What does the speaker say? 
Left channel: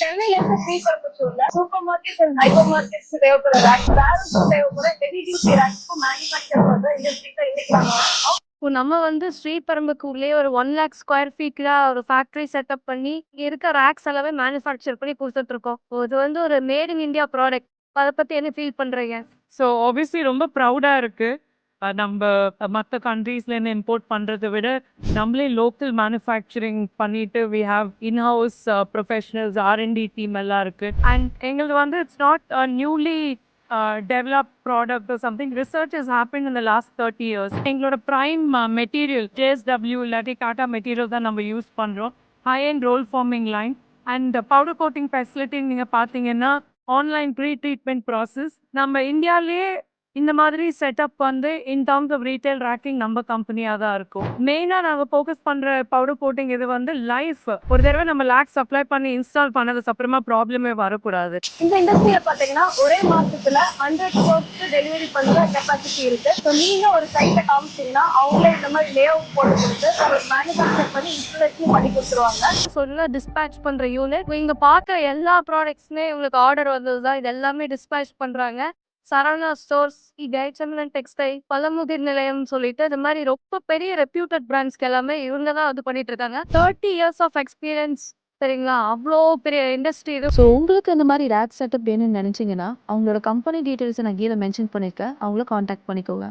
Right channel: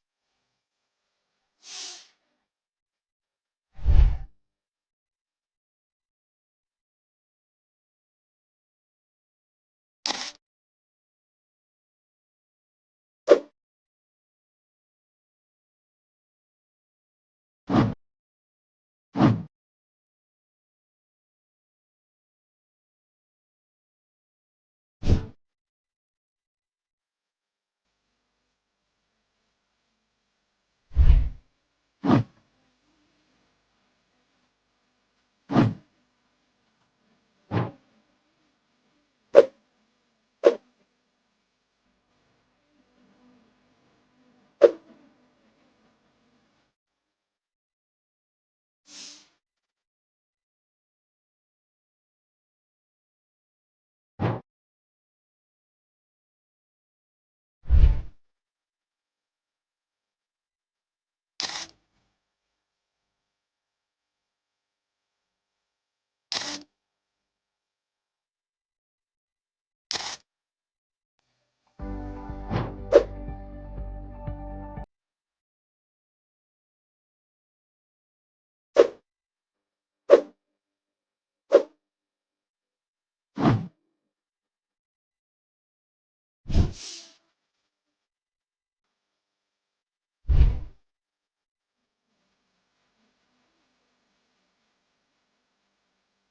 சென்னையில இருந்து ஸ்ரீபெரும்புத்தூர்ல super market and hyper markets தேவைப்படுற ரேக்ஸ் வேறுக்கும் தேவைப்படுற ஹெவி டியூட்டி ரேக்ஸ்க்கும் மேனுஃபேக்சர் பண்ற இண்டஸ்ட்ரிக்கு இன்னைக்கு நாம வந்திருக்கோம். இப்போ நம்ம வந்து ஸ்ரீபெரும்புத்தூர்லயே ஒரு 1 lakh ஸ்கொயர் ஃபீட்ல ஒரு ஃபேக்டரி செட்டப் பண்ணி இங்க இருக்க ரேக்ஸ் எல்லாமே மேனுஃபேக்சர் பண்ணி கொடுத்துட்டு இருக்கோம். இது வந்து ஒரு மேட் இன் இந்தியா ப்ராடக்ட். அதை பத்தி என்ன ஃபீல் பண்றீங்க? ஸோ ஆப்வியஸ்லி ரொம்ப ப்ரௌடா இருக்கு. நம்ப மத்த கண்ட்ரீஸ்லேருந்து இம்போர்ட் பண்றத விட, நம்மளே லோக்கல் மேனுஃபேக்சரிங் பண்ணிட்டு we have in house professionals, R and D team எல்லாம் இருக்கு. அண்ட் எங்களுது வந்து it's not a newly developed product or something. Research has happen in the last 30 years. எங்களோட ப்ரைம் மெட்டீரியல் JSW இல்லாட்டி டாடா மெட்டீரியல் தான் நம்ம யூஸ் பண்றோம். High and roll forming line and powder coating facility நீங்க பார்த்தீங்கன்னா, ஆன்லைன் ப்ரீ ட்ரீட்மெண்ட் ப்ராசஸ். நம்ம இந்தியாலயே இந்த மாதிரி செட்டப் வந்து in terms of retail racking நம்ம கம்பெனியா தான் இருக்கும். மெயினா நாங்க ஃபோக்கஸ் பண்ற பவுடர் கோட்டிங் இது வந்து லைஃப். ஒரு தடவை நம்ம லேக் சப்ளை பண்ணி இன்ஸ்டால் பண்ணதுக்கு அப்புறமா ப்ராப்ளமே வரக்கூடாது. இந்த இண்டஸ்ட்ரியில பாத்தீங்கன்னா ஒரே மாசத்துல 100 ஸ்டோர்ஸ்க்கு டெலிவரி பண்ற கெப்பாசிட்டி இருக்கு. ஸோ நீங்க ஒரு சைட்டை காமிச்சீங்கன்னா அவங்களே இந்த மாதிரி லே அவுட் போட்டு கொடுத்து மேனுஃபேக்சர் பண்ணி இன்ஸ்டாலேஷன் பண்ணி கொடுத்துருவாங்க. சொல்ல டிஸ்பேச் பண்ற யூனிட் இங்க பார்க்க எல்லா ப்ராடக்ட்ஸ்மே உங்களுக்கு ஆர்டர் வந்ததுதான். இது எல்லாமே டிஸ்பேச் பண்றாங்க. சரவணா ஸ்டோர்ஸ், ஜெயச்சந்திரன் டெக்ஸ்டைல், பழமுதிர் நிலையம் சொல்லிட்டு இந்த மாதிரி ரொம்ப பெரிய ரெப்யூட்டட் பிராண்ட்ஸ்க்கு எல்லாமே இவங்க தான் இது பண்ணிட்டு இருக்காங்க. 30 இயர்ஸ் ஆஃப் எக்ஸ்பீரியன்ஸ். சரிங்களா? அவ்ளோ பெரிய இண்டஸ்ட்ரி இது. ஸோ உங்களுக்கு இந்த மாதிரி ரேக் செட்டப் வேணும்னு நினைச்சீங்கன்னா அவங்களோட கம்பெனி டீட்டெயில்ஸை நான் கீழே மென்ஷன் பண்ணியிருக்கேன். அவங்கள காண்டாக்ட் பண்ணிக்கோங்க.